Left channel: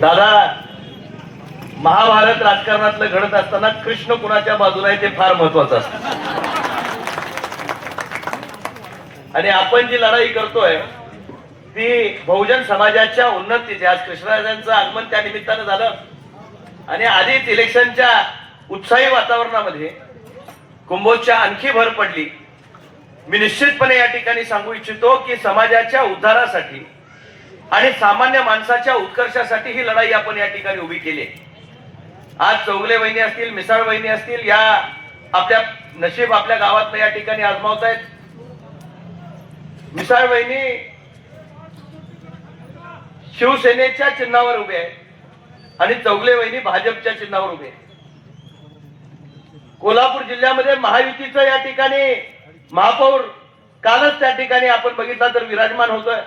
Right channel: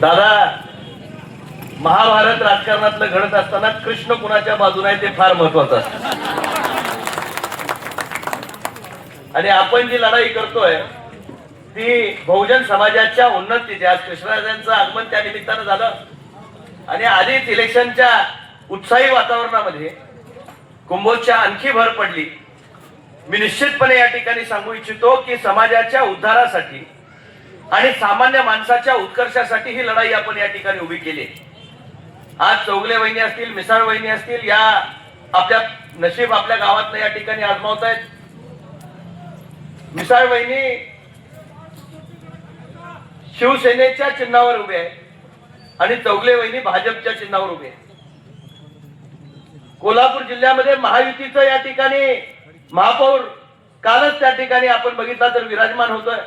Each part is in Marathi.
दादा, महाभारत राजकारणातलं घडत असताना कृष्ण कुणाच्या बाजूला आहे ते फार महत्वाचं असतं. आणि आपण जी लढाई करतोय ती बहुजन समाजाच्या उन्नतीची. आज कृष्णराजांचं आगमन त्या निमित्तानं झालं आणि आधीच इलेक्शनच्या उत्साही वातावरणामध्ये कुंभोजच्या आणखी भर पडली. मी निश्चितपणे या ठिकाणी सांगू इच्छितो की समाजाच्या उद्धारासाठी आणि सामान्य माणसाच्या उत्कर्षासाठी ही लढाई आपण या ठिकाणी उभी केली. आज चौगले वहिनी असतील, मिसाळ वहिनी असतील, या आपल्या नशीब आपल्या गावात या ठिकाणी आजमावत आहेत. मिसाळ वहिनी शिवसेनेच्या चिन्हावर उभे आहे आणि चौगले वहिनी भाजपच्या चिन्हावर उभे आहे. कोल्हापूर जिल्ह्यामध्ये महायुतीचं या ठिकाणी महापौर कालच त्या ठिकाणी आपण बघितला तर विराजमान होतोय.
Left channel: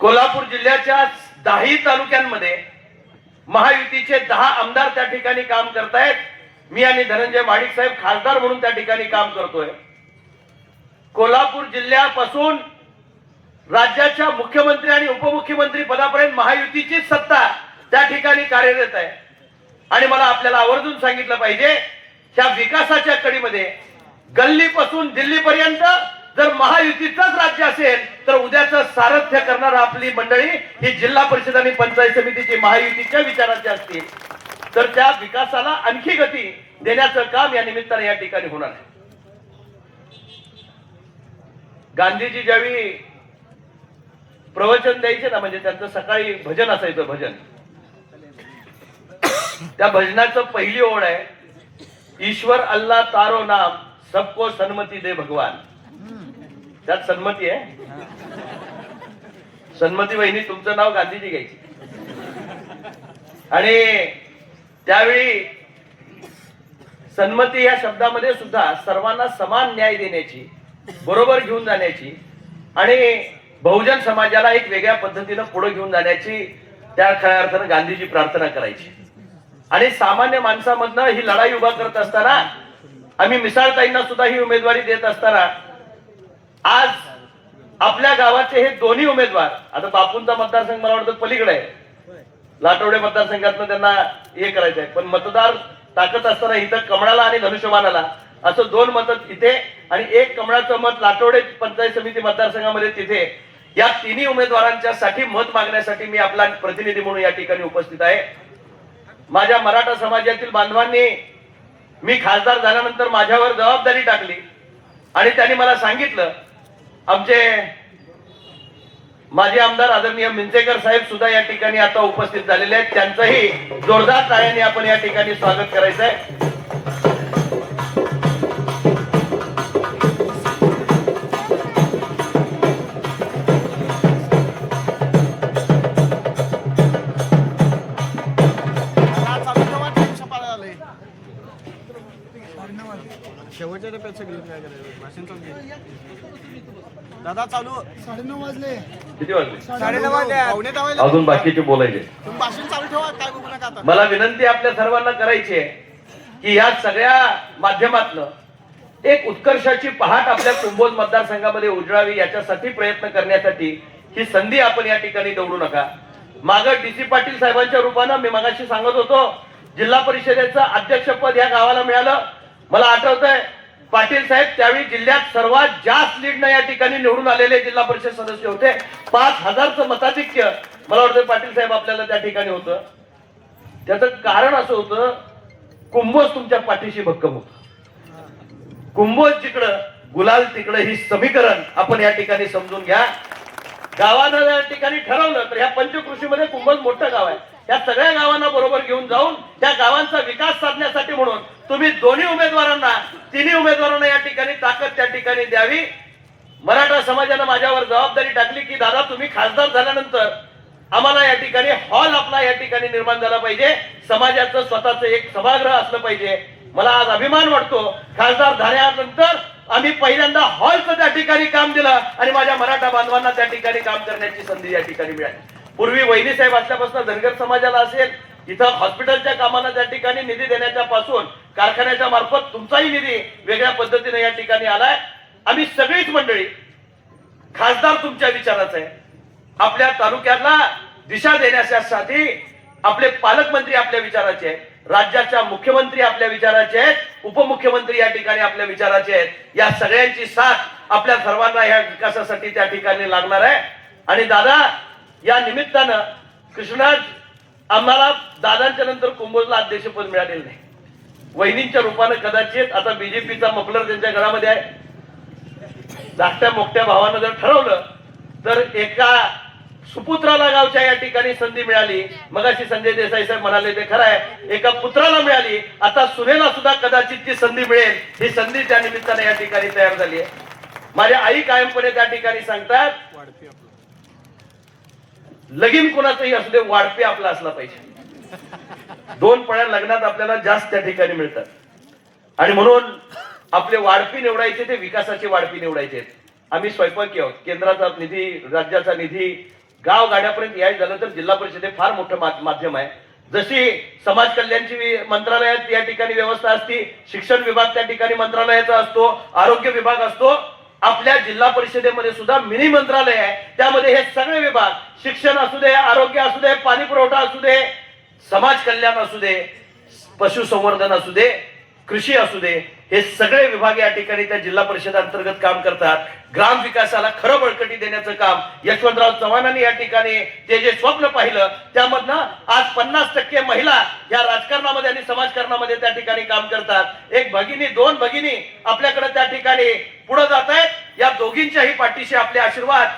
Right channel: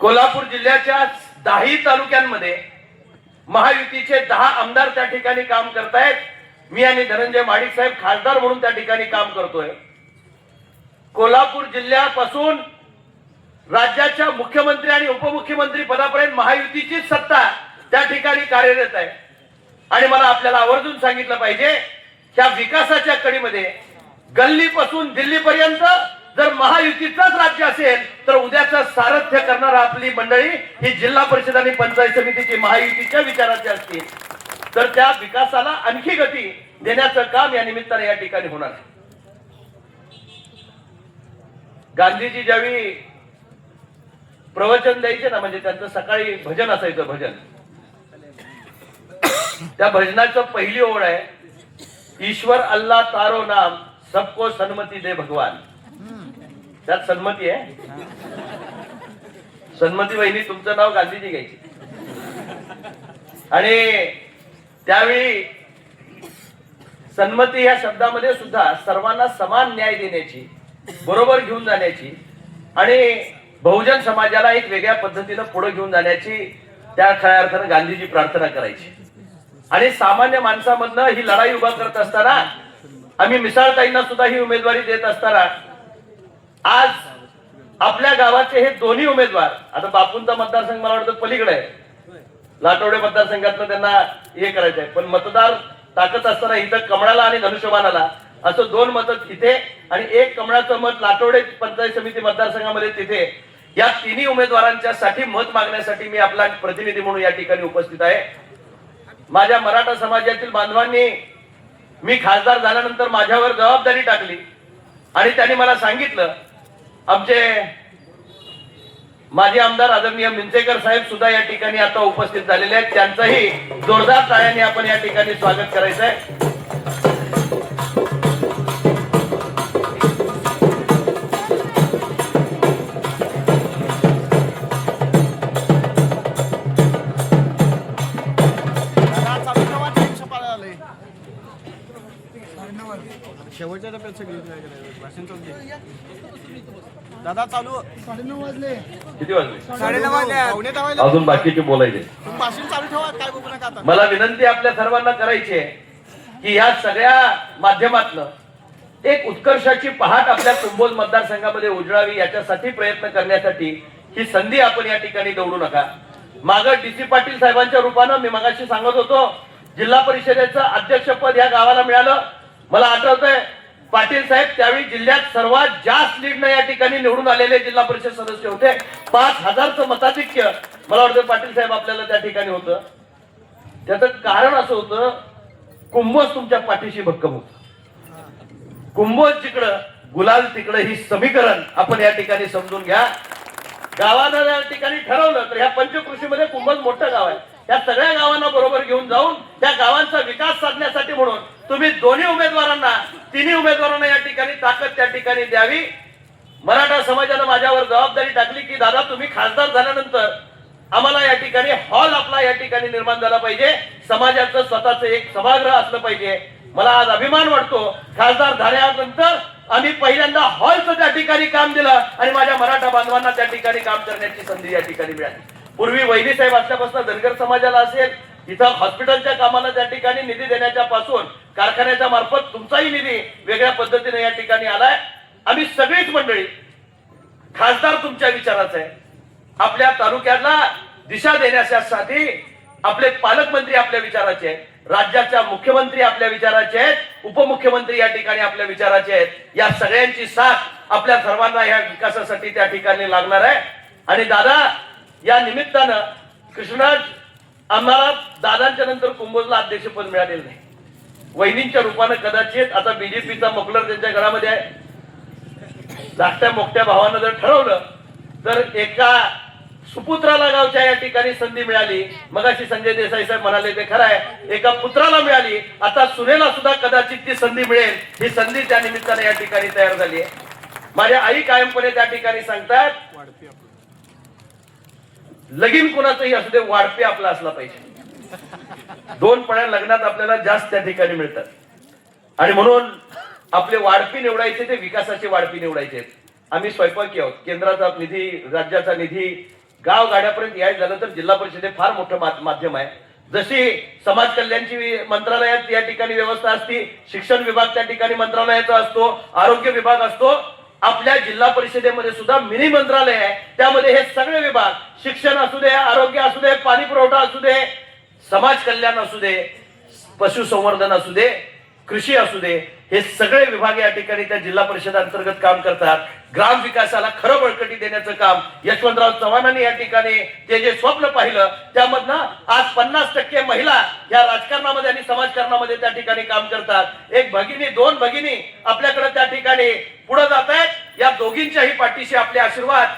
कोल्हापूर जिल्ह्याच्या 10 तालुक्यांमध्ये महायुतीचे 10 आमदार त्या ठिकाणी काम करतायत. मी आणि धनंजय महाडिक साहेब खासदार म्हणून त्या ठिकाणी काम करतोय. कोल्हापूर जिल्ह्यापासून राज्याच्या मुख्यमंत्री आणि उपमुख्यमंत्री पदापर्यंत महायुतीचीच सत्ता त्या ठिकाणी कार्यरत आहे. आणि मला आपल्याला आवर्जून सांगितलं पाहिजे, त्या विकासाच्या कडीमध्ये गल्लीपासून दिल्लीपर्यंत जर महायुतीचंच राज्य असेल तर उद्याचं सारथ्य करणारा आपली मंडळी ही जिल्हा परिषद आणि पंचायत समितीची महायुतीच्या विचाराची असतील. तर त्या विकासाला आणखी गती देण्याचं काम या निमित्ताने या ठिकाणी होणार. गांधीजी ज्यावेळी प्रवचन द्यायचे ना, म्हणजे त्यांचं सकाळी भजन असायचं. भजन, त्या भजनाचं पहिली ओळ आहे, ईश्वर अल्लाह तारो नाम सबको सन्मती दे भगवान. त्यात सन्मती आहे. सन्मती वहिनी तुमचं नाव गांधीजी घ्यायची. आणि त्यावेळी सन्मती या शब्दामध्ये सुद्धा सर्वांना समान न्याय देण्याची, बरोबर घेऊन जाण्याची आणि बहुजन समाजाला एक वेगळ्या पद्धतीनं पुढे घेऊन जाण्याची त्या खऱ्या अर्थानं गांधीजी प्रार्थना करायची. आणि सामान्य माणसामधनं ही लढाई उभा करत असताना आम्ही मिसाळताईंना सुद्धा ही उमेदवारी देत असताना आज आपल्या गावाचे हे दोन्ही उमेदवार, आता बापूंचा मतदारसंघ मला वाटतं पलीकडे आहे, लाटवडे मतदारसंघातनं त्यांना हे करायचं आहे, पण मतदार टाकत असताना इथं कमळाला आणि धनुष्यबाणाला असं 2 मतं तिथे आणि 1 कमळाचं मत लाटवडे पंचायत समिती मतदारसंघामध्ये तिथे, या तिन्ही उमेदवारांच्या साठी मत मागण्यासाठी मी आपला प्रतिनिधी म्हणून या ठिकाणी उपस्थित आहे. माझ्या मराठा समाजातील बांधवांनी मी खासदार झाल्यानंतर माझ्यावर जबाबदारी टाकली आणि त्यांनी मला सांगितलं, आमचे माजी आमदार आदरणीय मिंचेकर साहेब सुद्धा या ठिकाणी आता उपस्थित झालेले आहेत, त्यांचंही जोरदार टाळ्याने आपण या ठिकाणी स्वागत करायचं आहे. शेवटच्या टप्प्यात भाषण चालू दादा. चालू 9:30 वाजले. किती वाजले? 9:30 वाजले. अजून बाकीचे बोलायचे. तुम्ही भाषण चालू ठेवा, काय बघू नका. आता मला विनंती आपल्या सर्वांना करायची आहे की या सगळ्या माध्यमातलं एक उत्कर्षाची पहाट आपल्या कुंभोज मतदारसंघामध्ये उजळावी, याच्यासाठी प्रयत्न करण्यासाठी ही संधी आपण या ठिकाणी निवडू नका. मागं DC पाटील साहेबांच्या रूपानं मी मगाशी सांगत होतो, जिल्हा परिषदेचं अध्यक्षपद या गावाला मिळालं. मला आठवतंय पाटील साहेब त्यावेळी जिल्ह्यात सर्वात जास्त लीडनं या ठिकाणी निवडून आलेले जिल्हा परिषद सदस्य होते. 5,000चं मताधिक्य मला वाटतं पाटील साहेब आपल्याला त्या ठिकाणी होतं. त्याचं कारण असं होतं, कुंभोज तुमच्या पाठीशी भक्कम होत. कुंभोज जिकडं गुलाल तिकडं, ही समीकरण आपण या ठिकाणी समजून घ्या. गावानं या ठिकाणी ठरवलं तर ह्या पंचकृषीमध्ये कुंभोज मोठं गाव आहे. या सगळ्या गावांना बरोबर घेऊन जाऊन त्या गावांचा विकास साधण्यासाठी म्हणून तुम्ही दोन्ही उमेदवारांना, तिन्ही उमेदवारांना या ठिकाणी ताकद त्या ठिकाणी द्यावी. मराठा समाजानं माझ्यावर जबाबदारी टाकली की दादा तुम्ही खासदार झाल्यानंतर आम्हाला या ठिकाणी हॉल आपला या ठिकाणी निर्माण झाला पाहिजे, समाजाचं स्वतःचं एक सभागृह असलं पाहिजे. मला आज अभिमान वाटतो, खासदार झाल्यानंतर आम्ही पहिल्यांदा हॉलचं त्या ठिकाणी काम दिलं आणि माझ्या मराठा बांधवांना त्या ठिकाणी काम करण्याची संधी या ठिकाणी मिळाली. पूर्वी वहिनी साहेब असल्यापासून धनगर समाजाला असेल, इथं हॉस्पिटलच्या कामाला त्या ठिकाणी निधी देण्याच्या पासून कारखान्याच्या मार्फत तुमचाही निधी वेगळ्या पद्धतीने या ठिकाणी आलाय. आम्ही सगळीच मंडळी, खासदार तुमच्या विचाराचा आहे. आपल्या तालुक्याला दिशा देण्यासाठी आपले पालकमंत्री आपल्या विचाराचे आहेत, राज्याच्या मुख्यमंत्री आपल्या विचाराचे आहेत, उपमुख्यमंत्री या ठिकाणी आपल्या विचाराचे आहेत. या सगळ्यांची साथ आपल्या सर्वांना या विकासासाठी त्या ठिकाणी लागणार आहे. आणि दादा, या निमित्तानं कृष्णराज, आम्हाला दादांच्या नंतर कुंभोजला अध्यक्षपद मिळालेलं नाही. वहिनींच्या रूपानं कदाचित आता बीजेपीचा मफलर त्यांच्या घरामध्ये आहे. धाकट्या मोठ्या भावानं जर ठरवलं तर एका सुपुत्राला गावच्या या ठिकाणी संधी मिळाली. मगाशी संजय देसाई साहेब म्हणाले ते खरं आहे, एका पुत्राला मिळाली, आता सुनेला सुद्धा कदाचित ती संधी मिळेल. ही संधी त्या निमित्ताने या ठिकाणी तयार झाली आहे. माझ्या आई कायमपणे त्या ठिकाणी सांगतात, वाढपी आपलं लगीन कोणाचंही असू दे, वाढपे आपला असला पाहिजे. दोन पळ्या लग्नात आपल्याला जास्त त्या ठिकाणी मिळतात. आणि म्हणून आपले वाढपी निवडायचे ते विकासाचे वाढपी निवडायचे. आम्ही स्वयंपाकी आहोत. केंद्राचा निधी, राज्याचा निधी, गाव गाड्यापर्यंत यायचं झालं तर जिल्हा परिषद हे फार मोठं माध्यम आहे. जशी समाज कल्याणची मंत्रालयात या ठिकाणी व्यवस्था असते, शिक्षण विभाग त्या ठिकाणी मंत्रालयाचा असतो, आरोग्य विभाग असतो, आपल्या जिल्हा परिषदेमध्ये सुद्धा मिनी मंत्रालय आहे. त्यामध्ये हे सगळे विभाग, शिक्षण असू दे, आरोग्य असू दे, पाणी पुरवठा असू दे, समाज कल्याण असू दे, पशुसंवर्धन असू दे, कृषी असू दे, हे सगळे विभाग या ठिकाणी त्या जिल्हा परिषद अंतर्गत काम करतात. ग्राम विकासाला खरं बळकटी देण्याचं काम यशवंतराव चव्हाणांनी या ठिकाणी ते जे स्वप्न पाहिलं त्यामधनं आज 50% महिला या राजकारणामध्ये आणि समाजकारणामध्ये त्या ठिकाणी काम करतात. एक भगिनी, दोन भगिनी आपल्याकडे त्या ठिकाणी पुढे जात आहेत. या दोघींच्याही पाठीशी आपले आशीर्वाद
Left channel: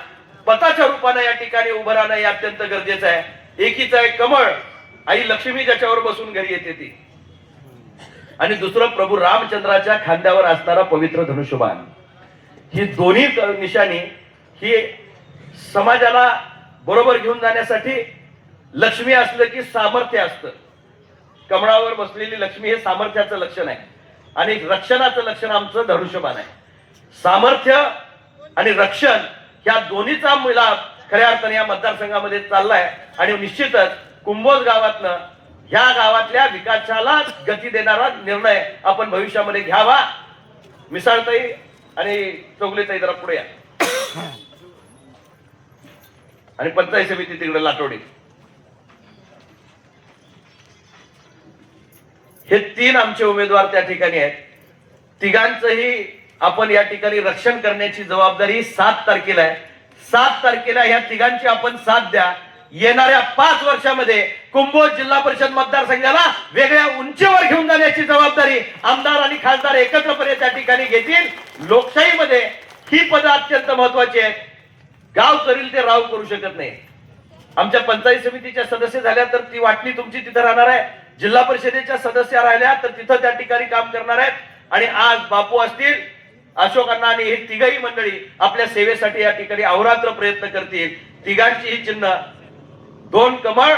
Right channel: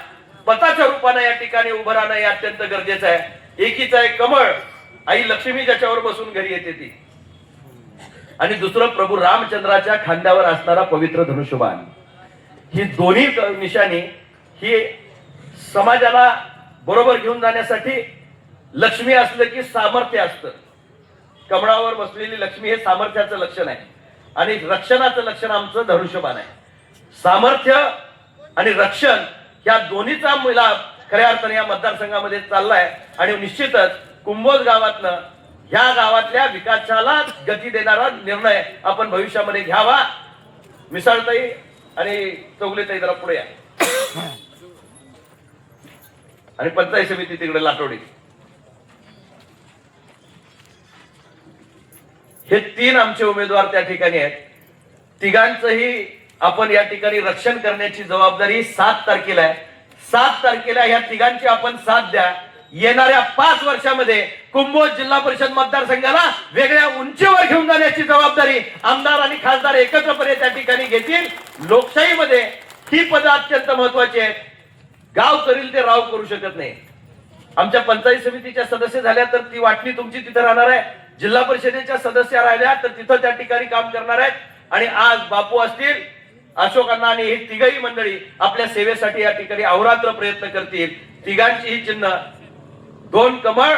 पताच्या रूपाने या ठिकाणी उभं राहणं हे अत्यंत गरजेचं आहे. एकीचं एक कमळ, आई लक्ष्मी ज्याच्यावर बसून घरी येते ती, आणि दुसरं प्रभू रामचंद्राच्या खांद्यावर असणारा पवित्र धनुष्यबाण. ही दोन्ही निशाणी ही समाजाला बरोबर घेऊन जाण्यासाठी, लक्ष्मी असलं की सामर्थ्य असतं. कमळावर बसलेली लक्ष्मी हे सामर्थ्याचं लक्षण आहे आणि रक्षणाचं लक्षण आमचं धनुष्यबाण आहे. सामर्थ्य आणि रक्षण या दोन्हीचा मिलाप खऱ्या अर्थाने या मतदारसंघामध्ये चाललाय. आणि निश्चितच कुंभोज गावातनं, ह्या गावातल्या विकासाला गती देणारा निर्णय आपण भविष्यामध्ये घ्यावा. मिसाळताई आणि चौगलेताई जरा पुढे या. आणि पंचायत समिती तिकडे लाटोडी. हे तीन आमचे उमेदवार त्या ठिकाणी आहेत. तिघांचंही आपण या ठिकाणी रक्षण करण्याची जबाबदारी 7 तारखेला आहे. 7 तारखेला ह्या तिघांची आपण साथ द्या. येणाऱ्या 5 वर्षामध्ये कुंभोज जिल्हा परिषद मतदारसंघाला वेगळ्या उंचीवर घेऊन जाण्याची जबाबदारी आमदार आणि खासदार एकत्रपणे त्या ठिकाणी घेतील. लोकशाहीमध्ये ही पदं अत्यंत महत्वाची आहेत. गाव करील ते राव करू शकत नाही. आमच्या पंचायत समितीच्या सदस्य झाल्या तर ती वाटणी तुमची तिथे राहणार आहे. जिल्हा परिषदेच्या सदस्य राहिल्या तर तिथं त्या ठिकाणी काम करणार आहेत. आणि आज बापू असतील, अशोक अण्णा आणि हे तिघही मंडळी आपल्या सेवेसाठी या ठिकाणी अहोरात्र प्रयत्न करतील. तिघांची ही चिन्ह 2 कमळ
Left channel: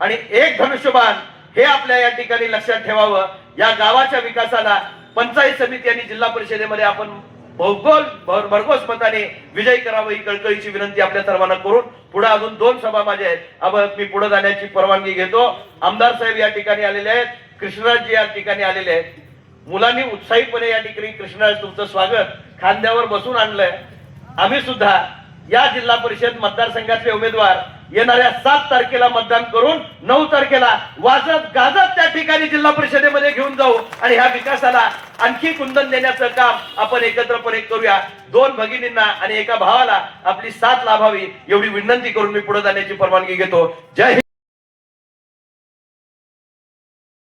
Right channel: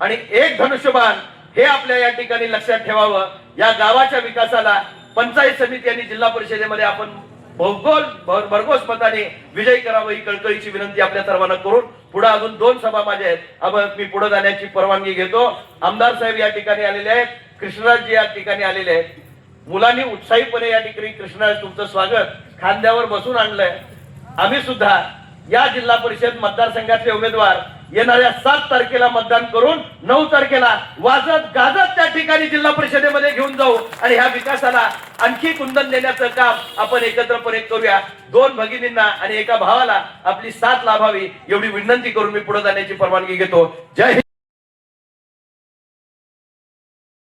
आणि 1 धनुष्यबाण हे आपल्या या ठिकाणी लक्षात ठेवावं. या गावाच्या विकासाला पंचायत समिती आणि जिल्हा परिषदेमध्ये आपण भरघोस मताने विजयी करावं ही कळकळीची विनंती आपल्या सर्वांना करून पुढे अजून 2 सभा माझ्या आहेत. मी पुढे जाण्याची परवानगी घेतो. आमदार साहेब या ठिकाणी आलेले आहेत, कृष्णराजजी या ठिकाणी आलेले आहेत. मुलांनी उत्साहीपणे या ठिकाणी कृष्णराज तुमचं स्वागत खांद्यावर बसून आणलंय. आम्ही सुद्धा या जिल्हा परिषद मतदारसंघातले उमेदवार येणाऱ्या 7 तारखेला मतदान करून 9 तारखेला वाजत गाजत त्या ठिकाणी जिल्हा परिषदेमध्ये घेऊन जाऊ आणि ह्या विकासाला आणखी कुंदन देण्याचं काम आपण एकत्रपणे करूया. 2 भगिनींना आणि एका भावाला आपली साथ लाभावी एवढी विनंती करून मी पुढे जाण्याची परवानगी घेतो. जय हिंद.